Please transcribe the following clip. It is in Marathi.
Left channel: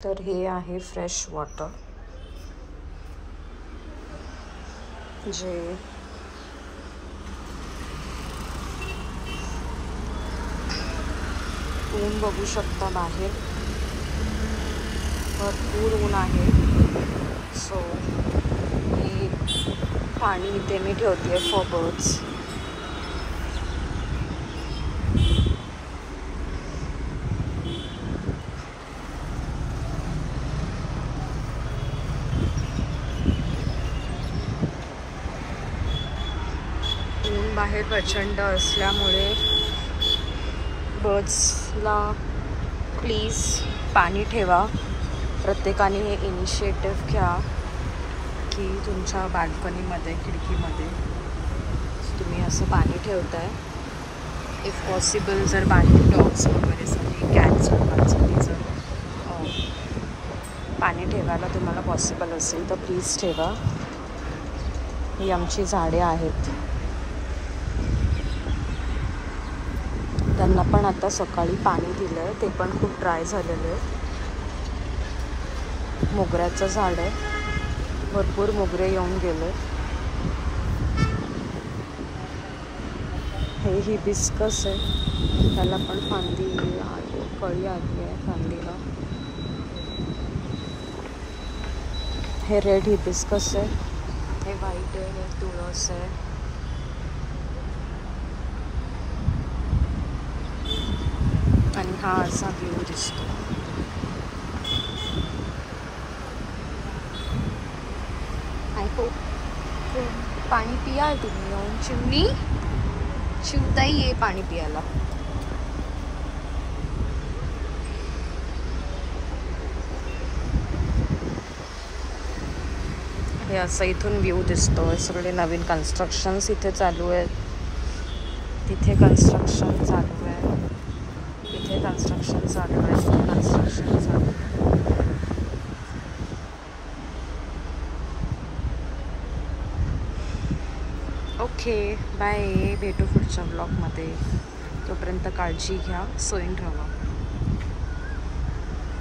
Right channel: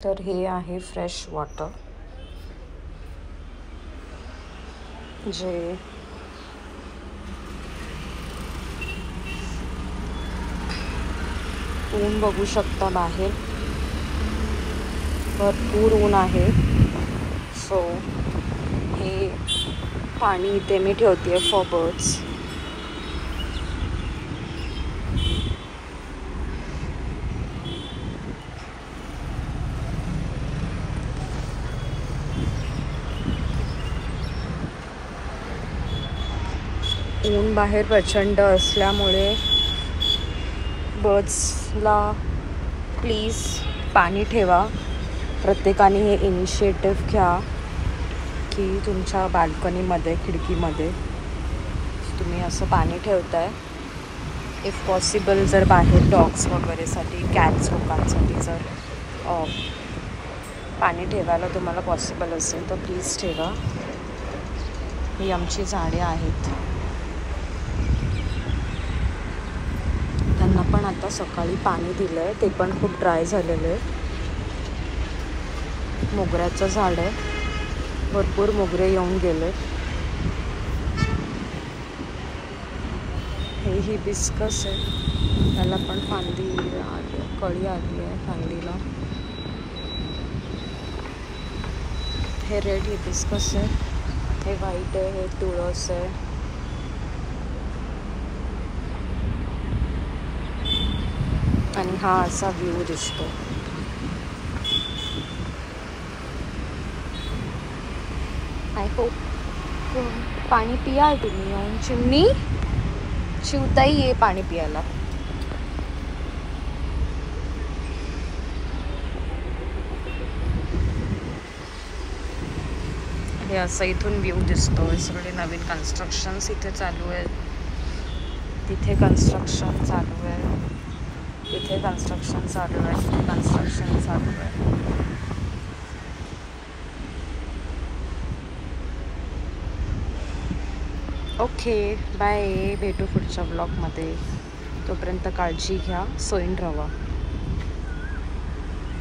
तर हे आहे फ्रेश वॉटर जे ऊन बघू शकता, बाहेर भरपूर ऊन आहे. सो हे पाणी इथे मी ठेवते फॉर बर्ड्स. ऊन बाहेर प्रचंड असल्यामुळे बर्ड्सला प्लीज पाणी ठेवा. प्रत्येकाने हे इनिशिएटिव्ह घ्या की तुमच्या बाल्कनीमध्ये, खिडकीमध्ये तुम्ही असं पाणी ठेवताय. इफ पॉसिबल जर बाहेर डॉग्स वगैरेसाठी, कॅट्स लोकांसाठी जर पाणी ठेवायला तुम्हाला पॉसिबल असेल तर प्लीज ठेवा. ही आमची झाडे आहेत. त्यांना पण आता सकाळी पाणी दिलं आहे, ते पण खूप ड्राय झालेलं आहे. मोगऱ्याचं झाड आहे, भरपूर मोगरे येऊन गेले. हे हिबिस्कस आहे, त्याला पण फांदी आली, कळी आली आहे फांदीला. हे रेड हिबिस्कस आहे, हे व्हाईट आहे, हे तुळस आहे. आणि हा असा व्ह्यू दिसतो. आय होप पाणी पियाल तुम्ही येऊन. चिमणी, शिवताई ये पाणी पियाला. हे असं इथून व्ह्यू दिसतो. सगळे नवीन कन्स्ट्रक्शन्स इथे चालू आहेत. तिथे कन्स्ट्रक्शन चालू आहे, तिथे कन्स्ट्रक्शन चालू आहे, तिथे कन्स्ट्रक्शन चालू आहे. Okay, bye. भेटू पुढच्या ब्लॉगमध्ये. तोपर्यंत काळजी घ्या, सोईन राहा.